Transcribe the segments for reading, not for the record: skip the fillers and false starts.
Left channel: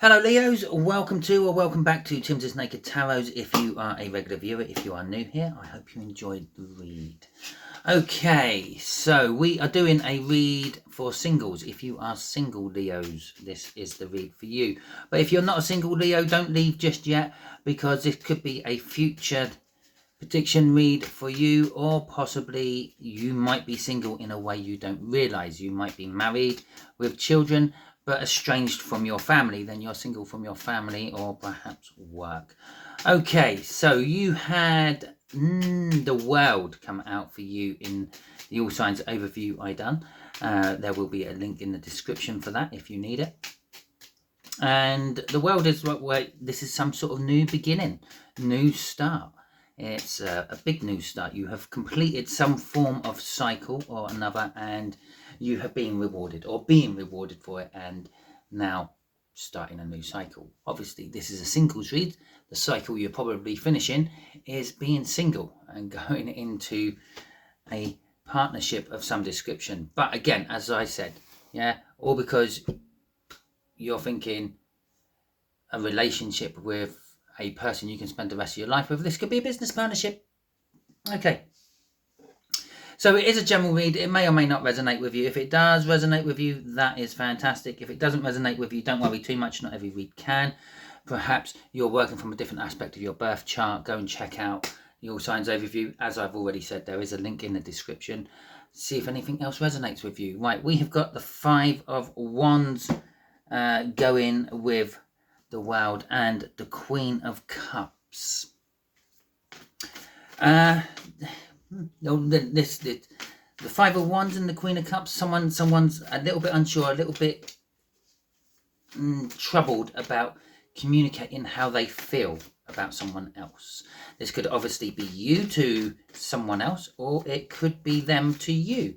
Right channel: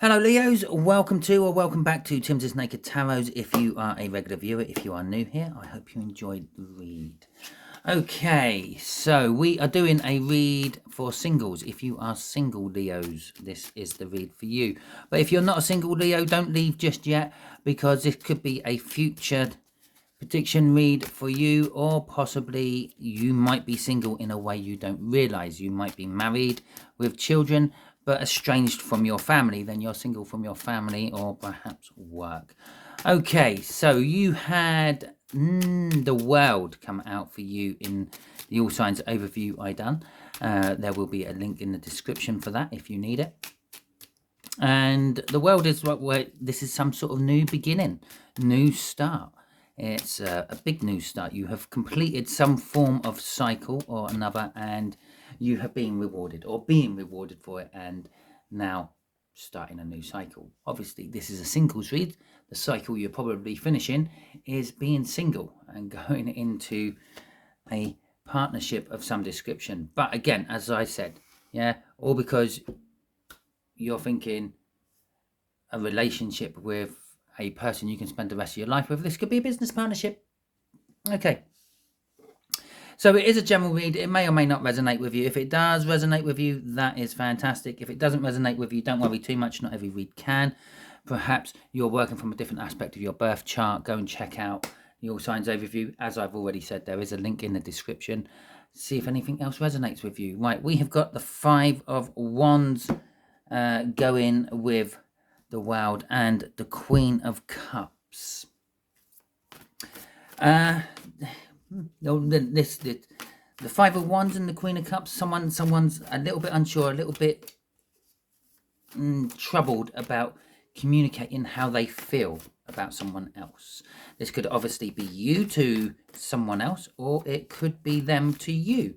Hello Leos, welcome to or welcome back to Timsy Naked Tarot. If you are a regular viewer, if you are new here, I hope you enjoyed the read. Okay, so we are doing a read for singles. If you are single Leos, this is the read for you. But if you're not a single Leo, don't leave just yet, because this could be a future prediction read for you, or possibly you might be single in a way you don't realize. You might be married with children but estranged from your family. Then you're single from your family or perhaps work. Okay, so you had the world come out for you in the All Signs overview I done. There will be a link in the description for that if you need it. And the world is where this is some sort of new beginning, new start. It's a big new start. You have completed some form of cycle or another, and you have been rewarded or being rewarded for it, and now starting a new cycle. Obviously, this is a singles read. The cycle you're probably finishing is being single and going into a partnership of some description. But again, as I said, yeah, all because you're thinking a relationship with a person you can spend the rest of your life with. This could be a business partnership. Okay. So it is a general read. It may or may not resonate with you. If it does resonate with you, that is fantastic. If it doesn't resonate with you, don't worry too much. Not every read can. Perhaps you're working from a different aspect of your birth chart. Go and check out the All Signs overview. As I've already said, there is a link in the description. See if anything else resonates with you. Right, we have got the Five of Wands going with the World and the Queen of Cups. The Five of Wands and the Queen of Cups. Someone's a little bit unsure, a little bit troubled about communicating how they feel about someone else. This could obviously be you to someone else, or it could be them to you.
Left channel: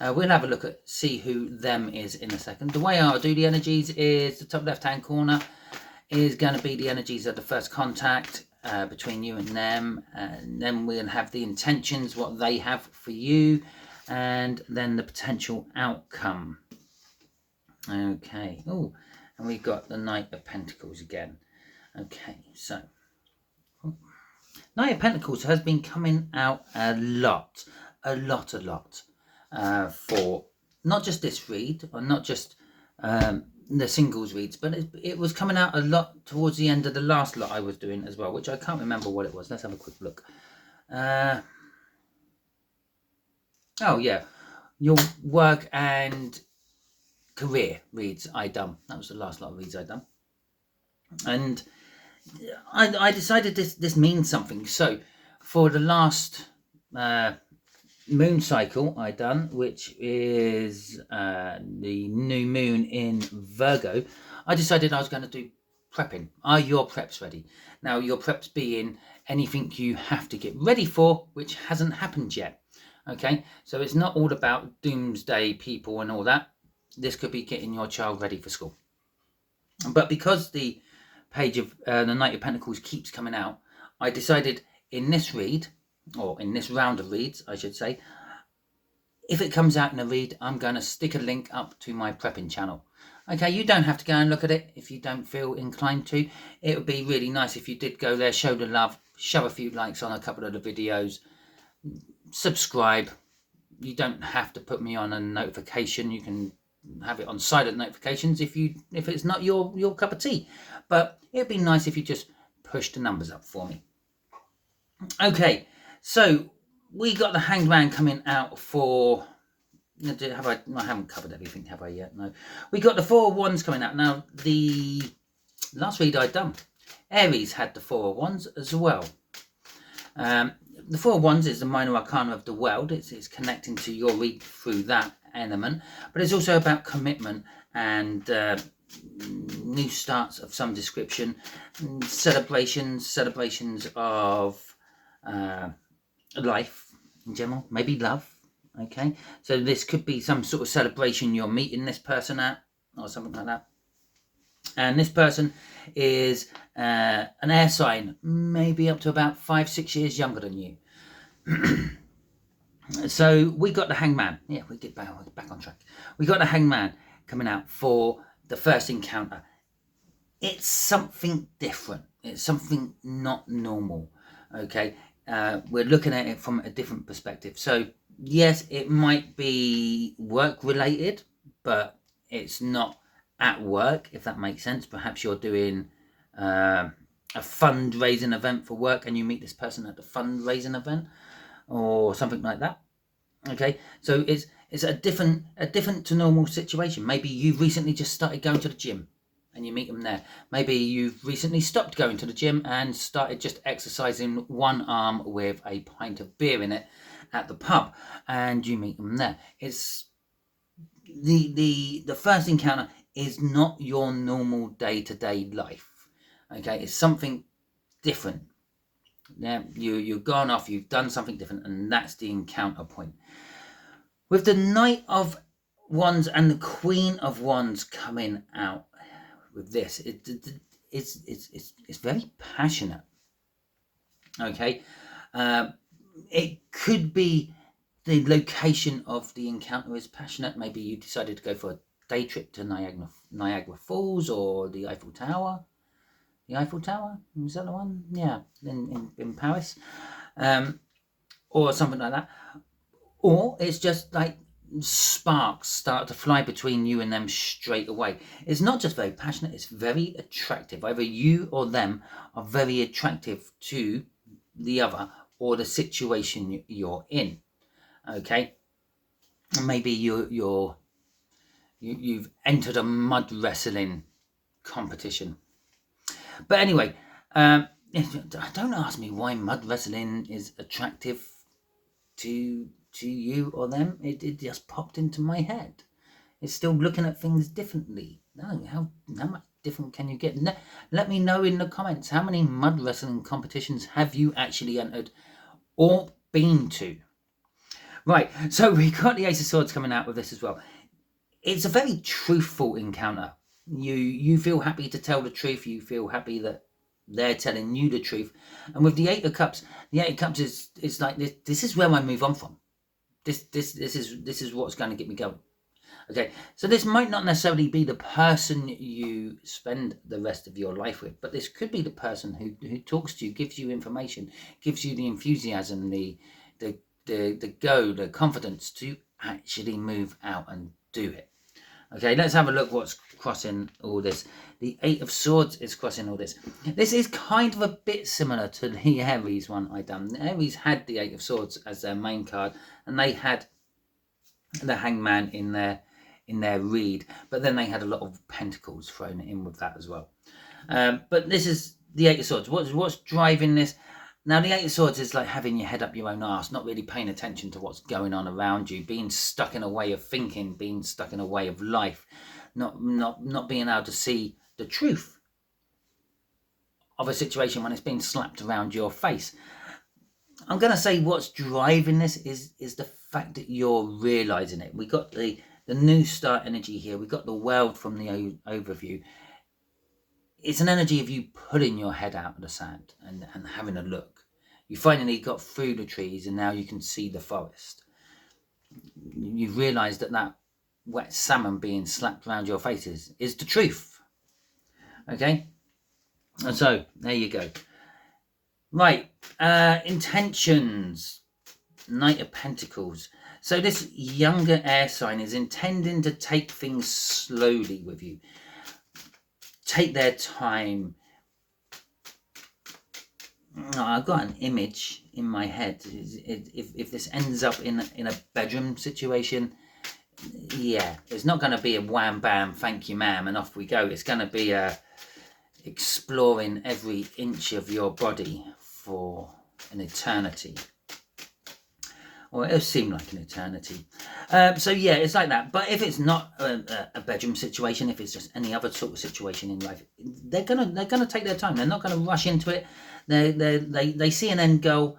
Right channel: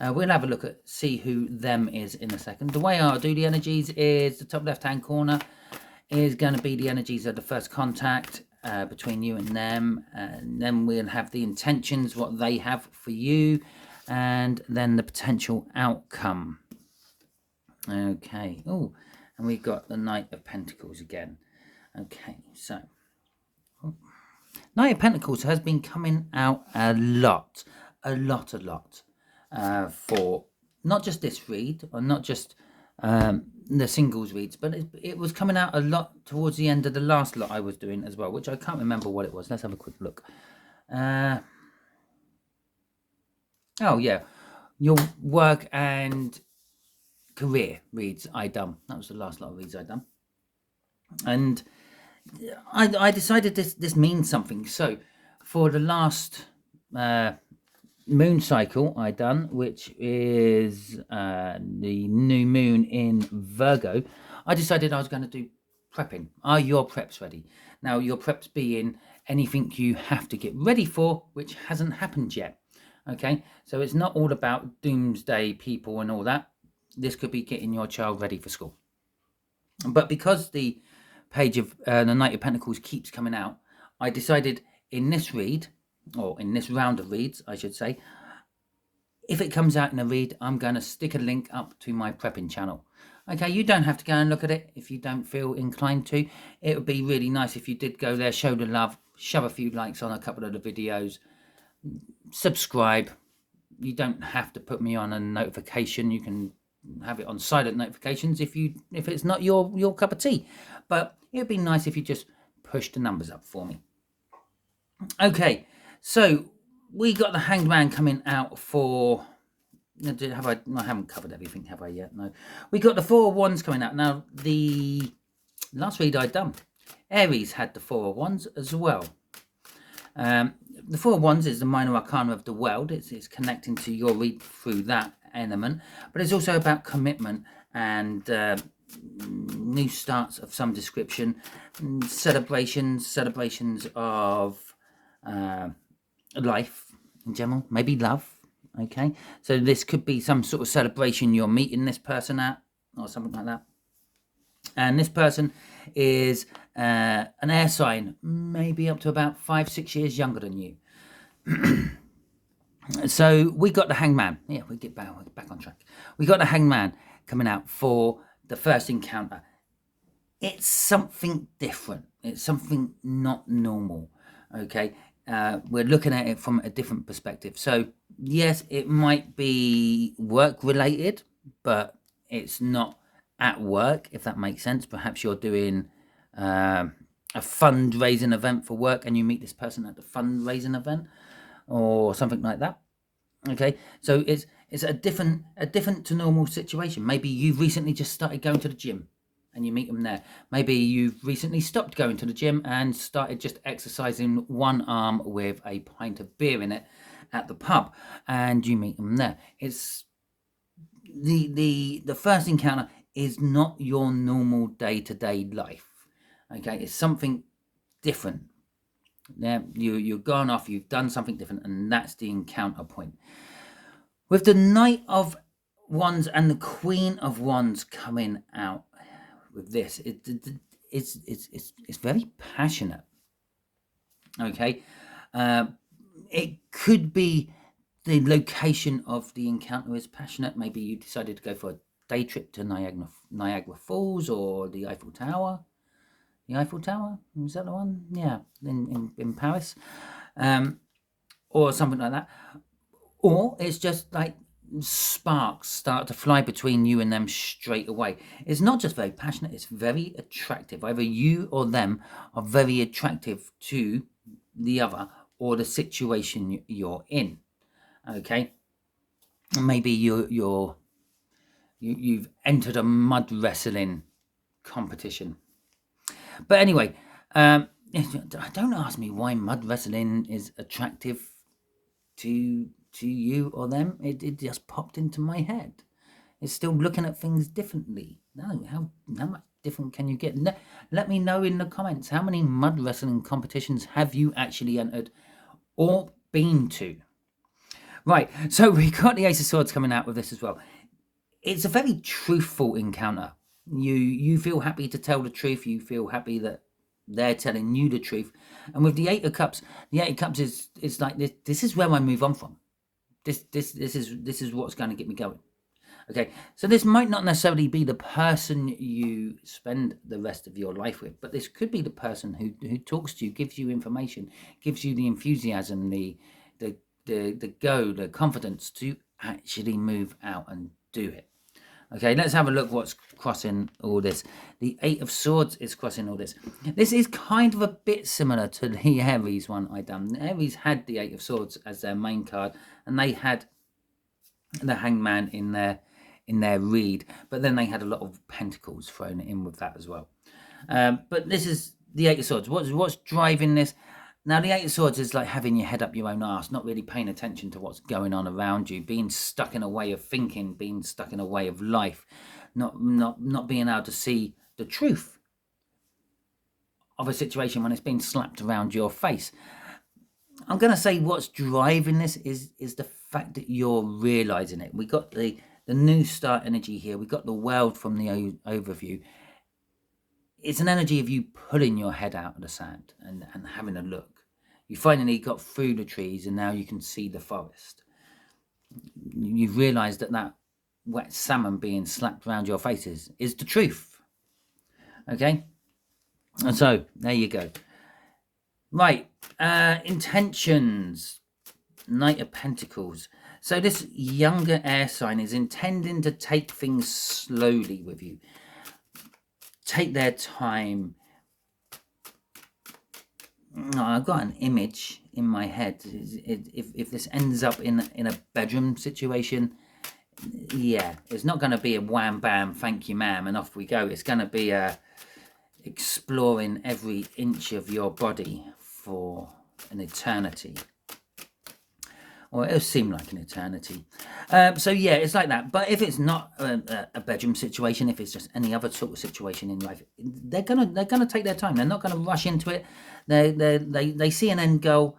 We'll have a look at see who them is in a second. The way I'll do the energies is the top left hand corner is going to be the energies of the first contact between you and them, and then we'll have the intentions, what they have for you, and then the potential outcome. Okay. Oh, and we've got the Knight of Pentacles again. Okay, so Knight of Pentacles has been coming out a lot for not just this read, or not just the singles reads, but it was coming out a lot towards the end of the last lot I was doing as well, which I can't remember what it was. Let's have a quick look. Oh yeah, your work and career reads I done. That was the last lot of reads I done, and I decided this means something. So for the last moon cycle I done, which is the new moon in Virgo, I decided I was going to do prepping. Are your preps ready? Now, your preps being anything you have to get ready for, which hasn't happened yet. Okay, so it's not all about doomsday people and all that. This could be getting your child ready for school. But because the page of the Knight of Pentacles keeps coming out, I decided in this read, or in this round of reads, I should say, if it comes out in a read, I'm going to stick a link up to my prepping channel. Okay, you don't have to go and look at it if you don't feel inclined to. It would be really nice if you did go there, show the love, shove a few likes on a couple of the videos, subscribe. You don't have to put me on a notification. You can have it on silent notifications if it's not your cup of tea. But it'd be nice if you just push the numbers up for me. Okay, so we got the Hanged Man coming out for... I haven't covered everything, have I yet? No. We got the Four of Wands coming out. Now, the last read I'd done, Aries had the Four of Wands as well. The Four of Wands is the minor arcana of the world. It's connecting to your read through that element. But it's also about commitment and new starts of some description, celebrations of life in general, maybe love. Okay, so this could be some sort of celebration you're meeting this person at, or something like that. And this person is an air sign, maybe up to about 5-6 years younger than you. So we got the Hangman. Yeah, we get back on track. We got the Hangman coming out for the first encounter. it's something different. It's something not normal. Okay, we're looking at it from a different perspective. So yes, it might be work related, but it's not at work, if that makes sense. Perhaps you're doing a fundraising event for work, and you meet this person at the fundraising event, or something like that. Okay, so it's a different to normal situation. Maybe you've recently just started going to the gym and you meet them there. Maybe you've recently stopped going to the gym and started just exercising one arm with a pint of beer in it at the pub, and you meet them there. It's the first encounter is not your normal day-to-day life. Okay, it's something different. Yeah, you've gone off, you've done something different, and that's the encounter point. With the Knight of Wands and the Queen of Wands coming out with this, it's very passionate. Okay, it could be the location of the encounter is passionate. Maybe you decided to go for a day trip to Niagara Falls or the Eiffel Tower. The Eiffel Tower, is that the one? Yeah, in Paris, or something like that. Or it's just like sparks start to fly between you and them straight away. It's not just very passionate, it's very attractive. Either you or them are very attractive to the other or the situation you're in. Okay, maybe you've entered a mud wrestling competition. But anyway, don't ask me why mud wrestling is attractive to you or them. It just popped into my head. It's still looking at things differently. No, how much different can you get? Let me know in the comments, how many mud wrestling competitions have you actually entered or been to? Right, so we got the Ace of Swords coming out with this as well. It's a very truthful encounter. You feel happy to tell the truth. You feel happy that they're telling you the truth. And with the Eight of Cups is like this is where I move on from. This is what's going to get me going. Okay, so this might not necessarily be the person you spend the rest of your life with, but this could be the person who talks to you, gives you information, gives you the enthusiasm, the go, the confidence to actually move out and do it. Okay, let's have a look what's crossing all this. The Eight of Swords is crossing all this. This is kind of a bit similar to the Aries one I done. The Aries had the Eight of Swords as their main card, and they had the Hangman in their read, but then they had a lot of Pentacles thrown in with that as well. But this is the Eight of Swords. What's driving this? Now, the Eight of Swords is like having your head up your own arse, not really paying attention to what's going on around you, being stuck in a way of thinking, being stuck in a way of life, not being able to see the truth of a situation when it's being slapped around your face. I'm going to say what's driving this is the fact that you're realizing it. We got the new start energy here. We got the world from the overview. It's an energy of you pulling your head out of the sand and having a look. You finally got through the trees and now you can see the forest. You've realised that wet salmon being slapped around your faces is the truth. Okay? And so, there you go. Right, intentions. Knight of Pentacles. So this younger air sign is intending to take things slowly with you. Take their time. I've got an image in my head. If this ends up in a bedroom situation, yeah, it's not going to be a wham bam, thank you ma'am, and off we go. It's going to be exploring every inch of your body for an eternity. Or it'll seem like an eternity. So yeah, it's like that. But if it's not a bedroom situation, if it's just any other sort of situation in life, they're gonna take their time. They're not gonna rush into it. They see an end goal,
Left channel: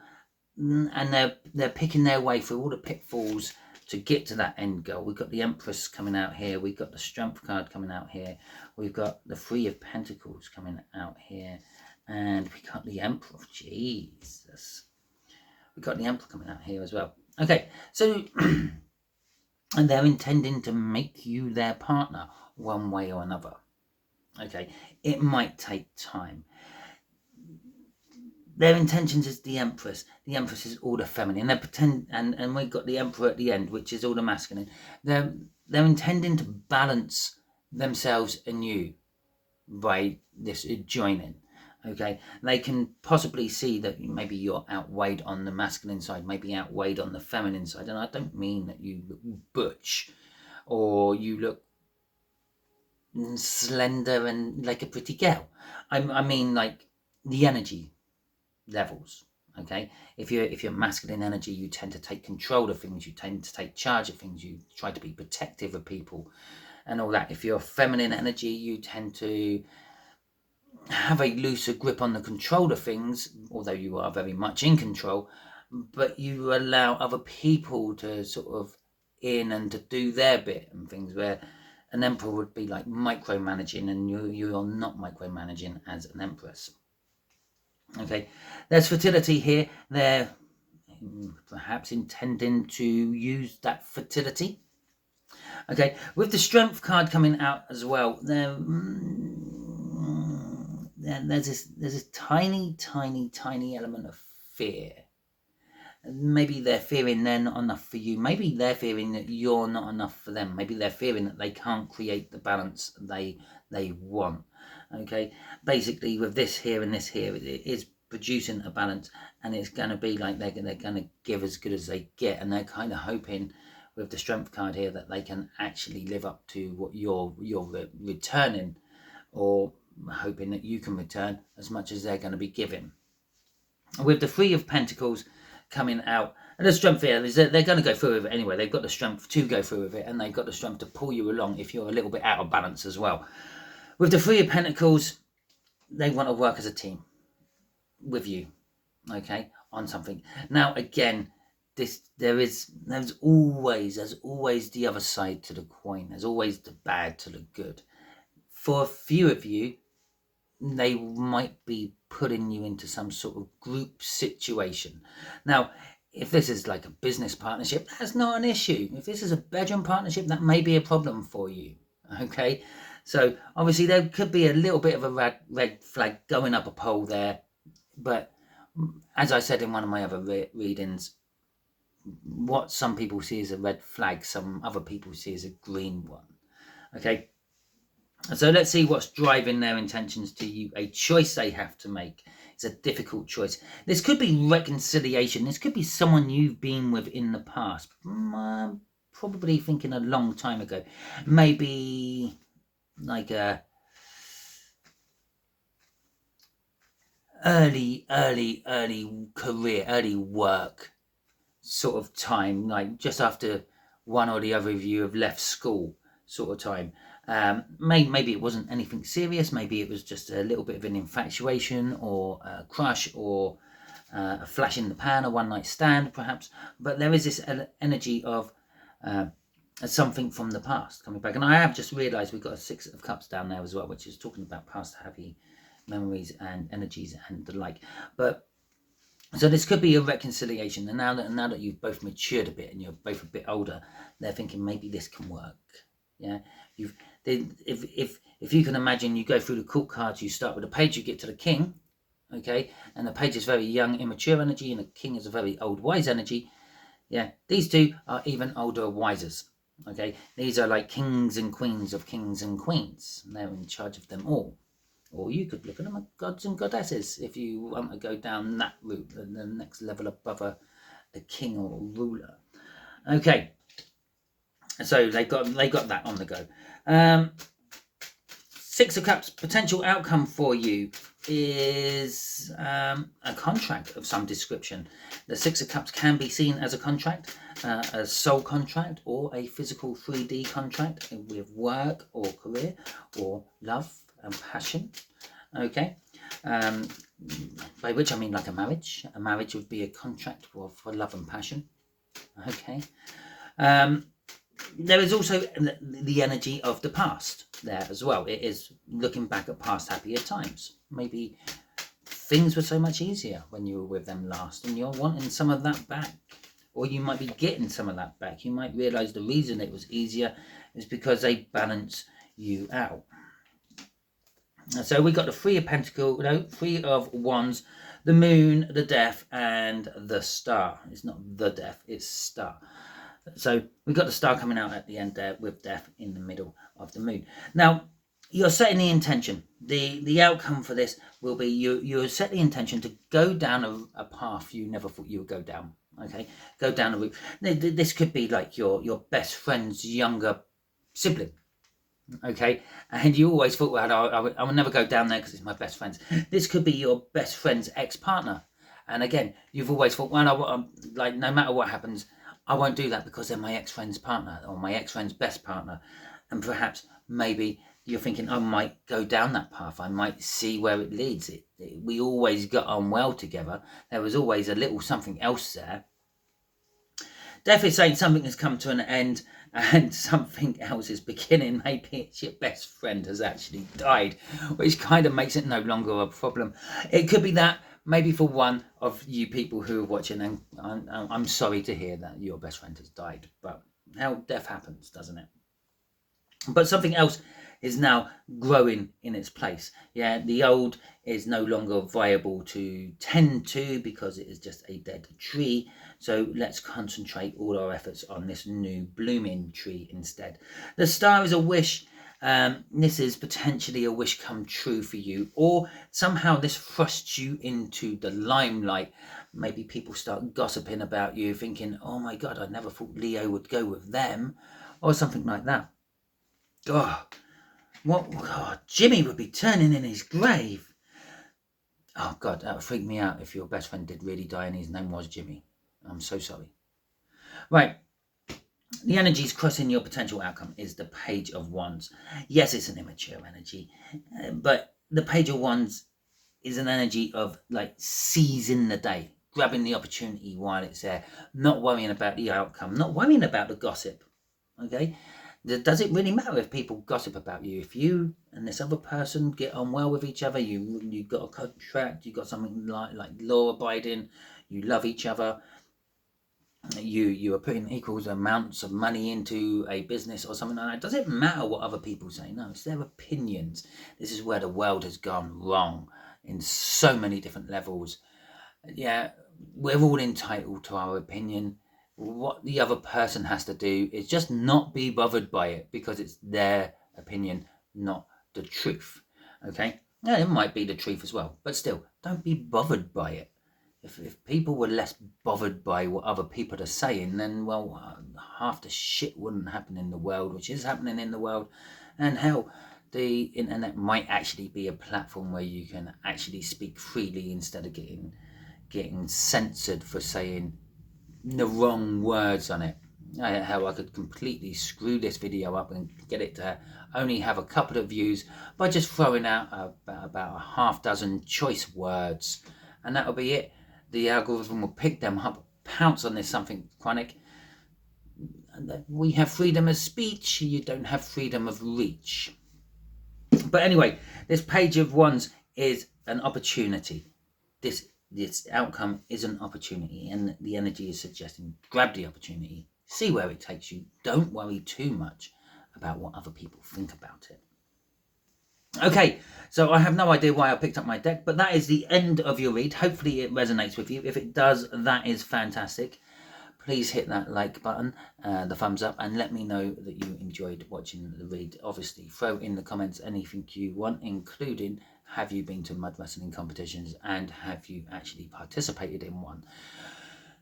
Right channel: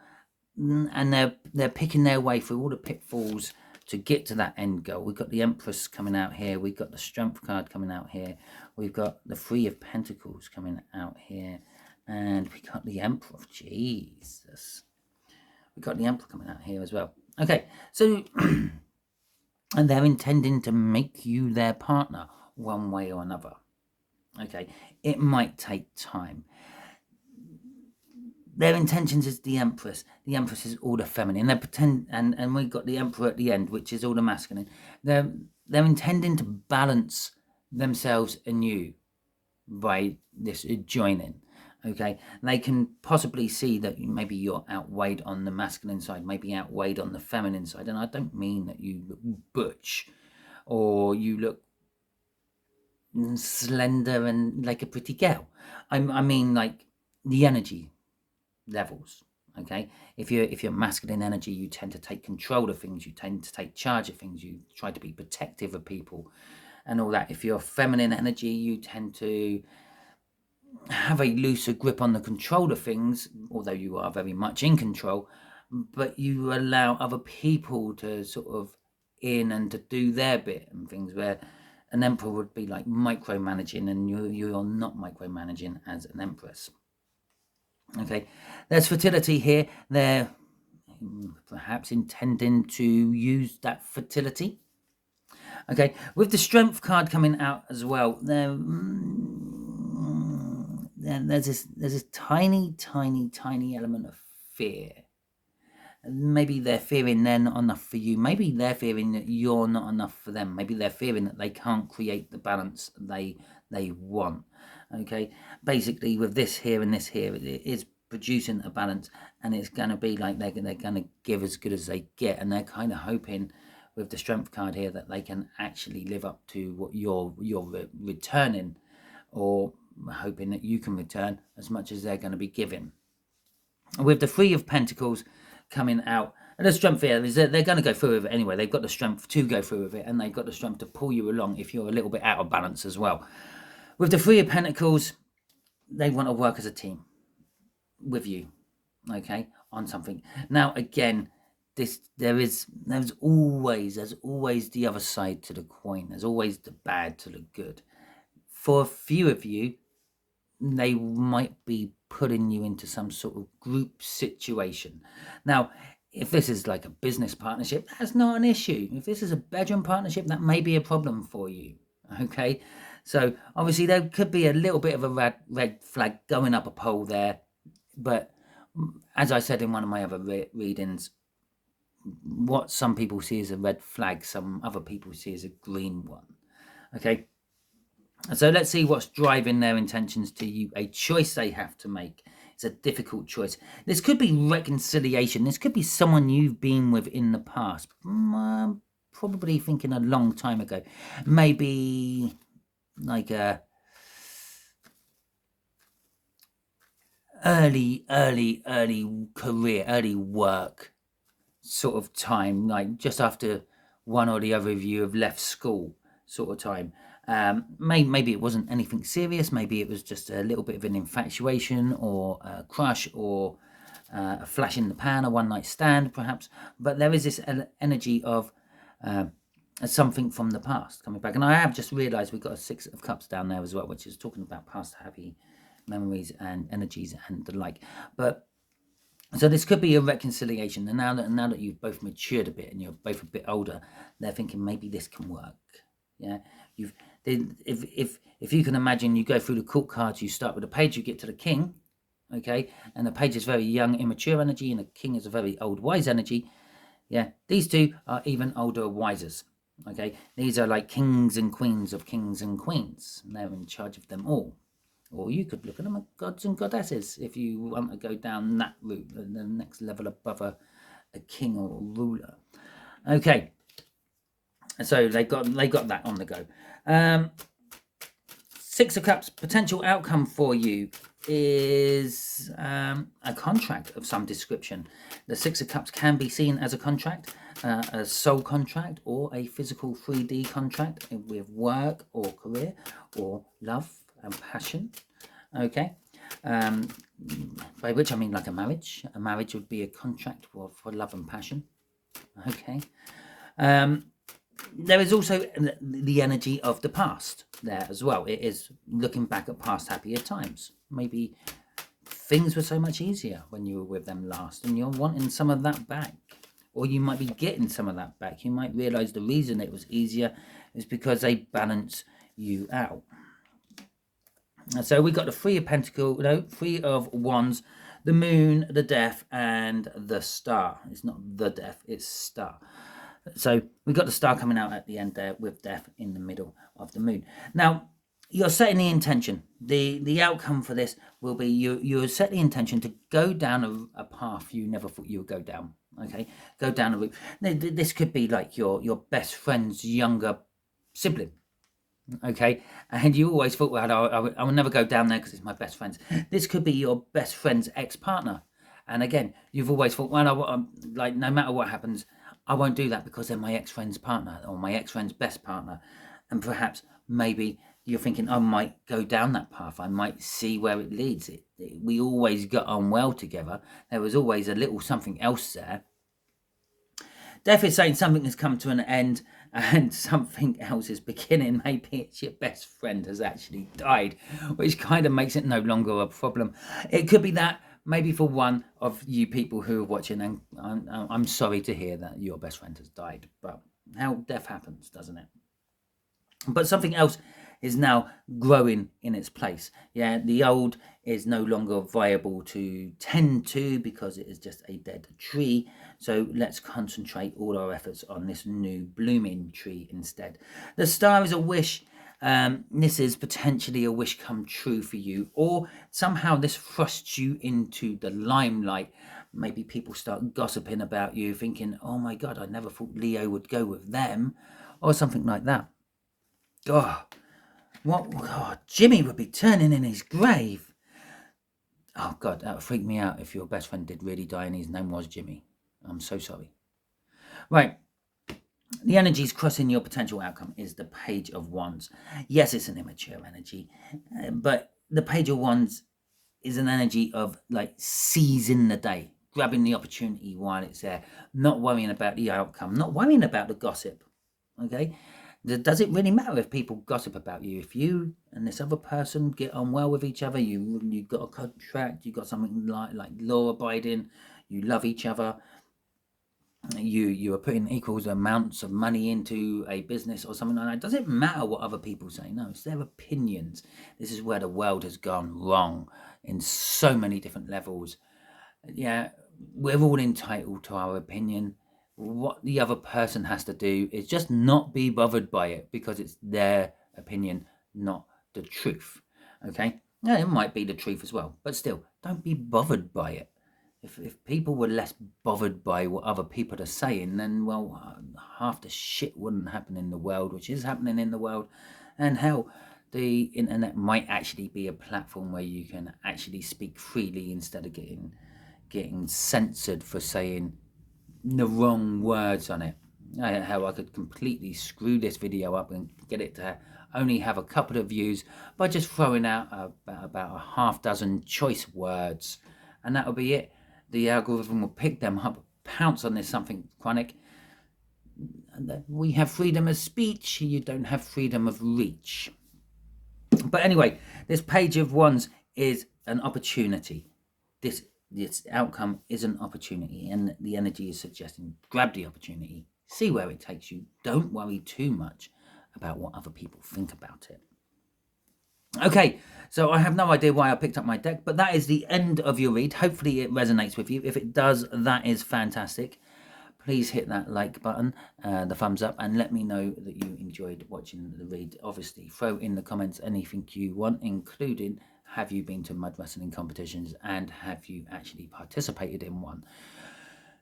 and they're picking their way through all the pitfalls to get to that end goal. We've got the Empress coming out here. We've got the Strength card coming out here. We've got the Three of Pentacles coming out here, and we got the Emperor. Jesus, we got the Emperor coming out here as well. Okay, so and they're intending to make you their partner one way or another. Okay, it might take time. Their intentions is the Empress. The Empress is all the feminine. They pretend, and we've got the Emperor at the end, which is all the masculine. They're intending to balance themselves and you by this joining. Okay, they can possibly see that maybe you're outweighed on the masculine side, maybe outweighed on the feminine side, and I don't mean that you look butch or you look slender and like a pretty girl. I mean like the energy levels. Okay, if you're masculine energy, you tend to take control of things, you tend to take charge of things, you try to be protective of people and all that. If you're feminine energy, you tend to have a looser grip on the control of things, although you are very much in control, but you allow other people to sort of in and to do their bit and things, where an emperor would be like micromanaging, and you're not micromanaging as an empress. Okay, there's fertility here. They're perhaps intending to use that fertility. Okay, with the strength card coming out as well, there's this tiny element of fear. Maybe they're fearing they're not enough for you. Maybe they're fearing that you're not enough for them. Maybe they're fearing that they can't create the balance they want. Okay, basically with this here and this here, it is producing a balance, and it's going to be like they're going to give as good as they get, and they're kind of hoping with the strength card here that they can actually live up to what you're returning, or hoping that you can return as much as they're going to be giving. With the Three of Pentacles coming out, and the strength here is that they're going to go through with it anyway. They've got the strength to go through with it, and they've got the strength to pull you along if you're a little bit out of balance as well. With the Three of Pentacles, they want to work as a team with you, okay, on something. Now again, there's always the other side to the coin. There's always the bad to the good. For a few of you, they might be putting you into some sort of group situation. Now, if this is like a business partnership, that's not an issue. If this is a bedroom partnership, that may be a problem for you. Okay, so obviously there could be a little bit of a red flag going up a pole there, but as I said in one of my other readings, what some people see as a red flag, some other people see as a green one. Okay, so let's see what's driving their intentions to you. A choice they have to make. It's a difficult choice. This could be reconciliation. This could be someone you've been with in the past. Probably thinking a long time ago. Maybe like a early career, early work sort of time, like just after one or the other of you have left school sort of time. Maybe it wasn't anything serious. Maybe it was just a little bit of an infatuation or a crush or a flash in the pan, a one night stand perhaps. But there is this energy of something from the past coming back. And I have just realised we've got a Six of Cups down there as well, which is talking about past happy memories and energies and the like. But so this could be a reconciliation, and now that you've both matured a bit and you're both a bit older, they're thinking maybe this can work. Yeah, if you can imagine, you go through the court cards, you start with a page, you get to the king, okay, and the page is very young, immature energy, and the king is a very old, wise energy. Yeah, these two are even older, wisers. Okay, these are like kings and queens of kings and queens, and they're in charge of them all. Or you could look at them as gods and goddesses if you want to go down that route, the next level above a king or a ruler. Okay, so they got that on the go. Six of Cups, potential outcome for you is a contract of some description. The Six of Cups can be seen as a contract, a soul contract, or a physical 3D contract with work or career or love and passion. Okay, by which I mean like a marriage. A marriage would be a contract for love and passion. Okay, there is also the energy of the past there as well. It is looking back at past happier times. Maybe things were so much easier when you were with them last, and you're wanting some of that back, or you might be getting some of that back. You might realize the reason it was easier is because they balance you out. So we got the Three of Pentacles, no, Three of Wands, the Moon, the Death, and the Star. It's not the Death, it's Star. So we got the Star coming out at the end there with Death in the middle of the Moon. Now, you're setting the intention. The outcome for this will be you set the intention to go down a path you never thought you would go down. Okay, go down a route. This could be like your best friend's younger sibling. Okay, and you always thought, well, I will never go down there because it's my best friend's. This could be your best friend's ex-partner, and again, you've always thought, well, like no matter what happens, I won't do that because they're my ex-friend's partner or my ex-friend's best partner, and perhaps maybe you're thinking, I might go down that path. I might see where it leads. We always got on well together. There was always a little something else there. Death is saying something has come to an end and something else is beginning. Maybe it's your best friend has actually died, which kind of makes it no longer a problem. It could be that maybe for one of you people who are watching, and I'm sorry to hear that your best friend has died, but how death happens, doesn't it? But something else is now growing in its place. Yeah, the old is no longer viable to tend to because it is just a dead tree. So let's concentrate all our efforts on this new blooming tree instead. The Star is a wish. This is potentially a wish come true for you, or somehow this thrusts you into the limelight. Maybe people start gossiping about you, thinking, oh my God, I never thought Leo would go with them, or something like that. Oh, what? Oh, Jimmy would be turning in his grave. Oh God, that would freak me out if your best friend did really die and his name was Jimmy. I'm so sorry. Right. The energies crossing your potential outcome is the Page of Wands. Yes, it's an immature energy, but the Page of Wands is an energy of like seizing the day, grabbing the opportunity while it's there, not worrying about the outcome, not worrying about the gossip. Okay, does it really matter if people gossip about you? If you and this other person get on well with each other, you got a contract, you got something like law abiding, you love each other, you are putting equal amounts of money into a business or something like that. Does it matter what other people say? No, it's their opinions. This is where the world has gone wrong in so many different levels. Yeah, we're all entitled to our opinion. What the other person has to do is just not be bothered by it because it's their opinion, not the truth. Okay? Yeah, it might be the truth as well, but still, don't be bothered by it. If people were less bothered by what other people are saying, then, well, half the shit wouldn't happen in the world, which is happening in the world. And hell, the internet might actually be a platform where you can actually speak freely instead of getting censored for saying the wrong words on it. How I could completely screw this video up and get it to only have a couple of views by just throwing out about a half dozen choice words, and that'll be it. The algorithm will pick them up, pounce on this something chronic. We have freedom of speech, you don't have freedom of reach. But anyway, this Page of Wands is an opportunity. This outcome is an opportunity, and the energy is suggesting grab the opportunity, see where it takes you. Don't worry too much about what other people think about it. Okay, so I have no idea why I picked up my deck, but that is the end of your read. Hopefully it resonates with you. If it does, that is fantastic. Please hit that like button, the thumbs up, and let me know that you enjoyed watching the read. Obviously, throw in the comments anything you want, including have you been to mud wrestling competitions and have you actually participated in one.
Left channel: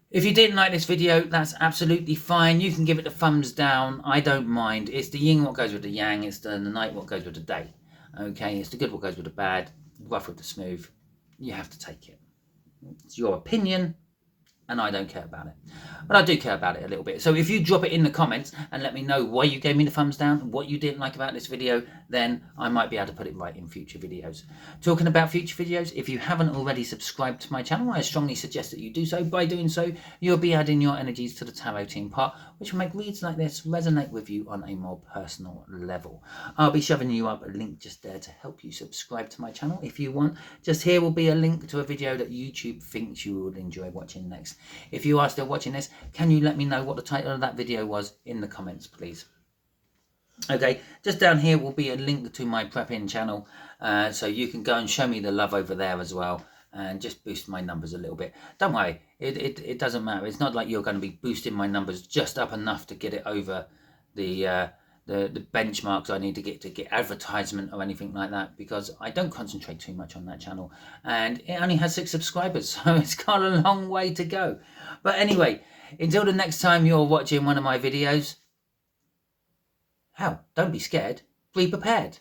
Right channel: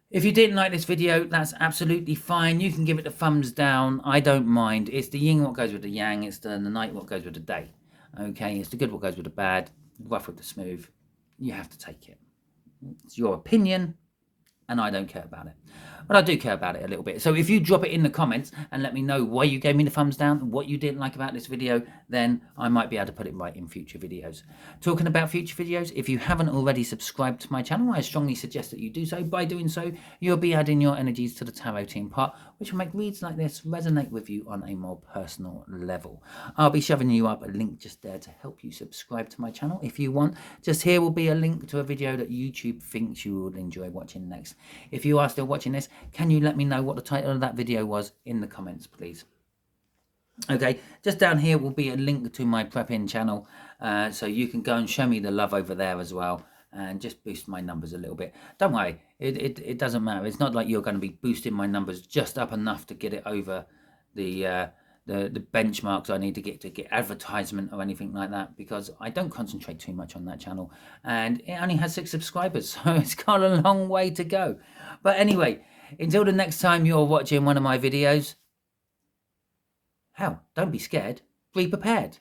If you didn't like this video, that's absolutely fine. You can give it a thumbs down. I don't mind. It's the yin what goes with the yang. It's the night what goes with the day. Okay, it's the good what goes with the bad, rough with the smooth. You have to take it. It's your opinion, and I don't care about it. But I do care about it a little bit. So if you drop it in the comments and let me know why you gave me the thumbs down, what you didn't like about this video, then I might be able to put it right in future videos. Talking about future videos, if you haven't already subscribed to my channel, I strongly suggest that you do so. By doing so, you'll be adding your energies to the tarot team part, which will make reads like this resonate with you on a more personal level. I'll be shoving you up a link just there to help you subscribe to my channel if you want. Just here will be a link to a video that YouTube thinks you will enjoy watching next. If you are still watching this, can you let me know what the title of that video was in the comments, please? Okay, just down here will be a link to my prep-in channel, so you can go and show me the love over there as well, and just boost my numbers a little bit. Don't worry, it doesn't matter. It's not like you're going to be boosting my numbers just up enough to get it over the benchmarks I need to get advertisement or anything like that, because I don't concentrate too much on that channel, and it only has 6 subscribers, so it's got a long way to go. But anyway, until the next time you're watching one of my videos, hell, don't be scared, be prepared.